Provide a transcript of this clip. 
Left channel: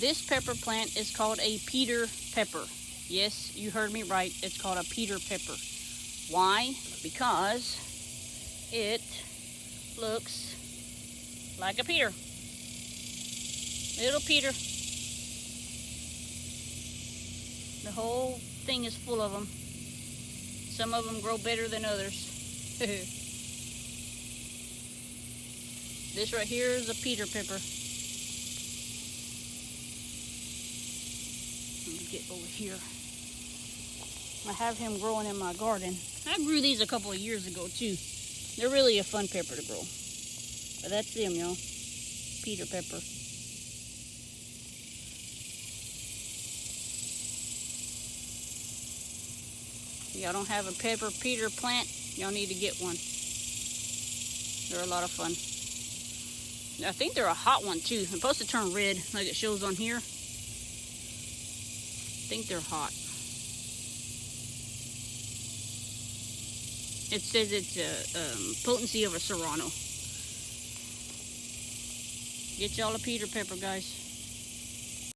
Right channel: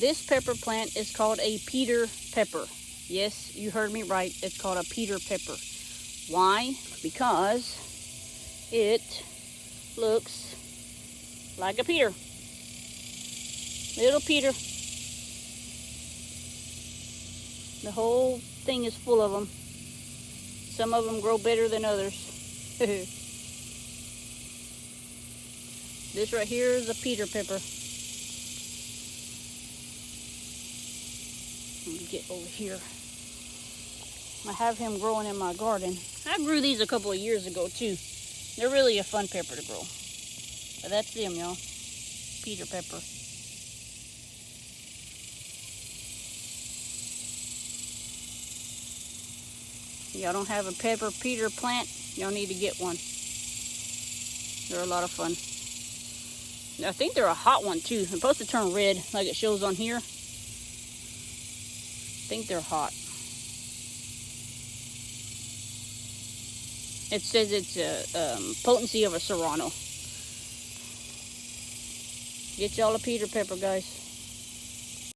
This pepper plant is called a Peter pepper. Yes, you heard me right. It's called a Peter pepper. Why? Because it looks like a Peter. Little Peter. The whole thing is full of them. Some of them grow better than others. This right here is a Peter pepper. Let me get over here. I have him growing in my garden. I grew these a couple of years ago too. They're really a fun pepper to grow. And that's them, y'all. Peter pepper. Y'all don't have a pepper Peter plant, y'all need to get one. They're a lot of fun. I think they're a hot one too. They're supposed to turn red like it shows on here. I think they're hot. It says it's a potency of a serrano. Get y'all a Peter pepper, guys.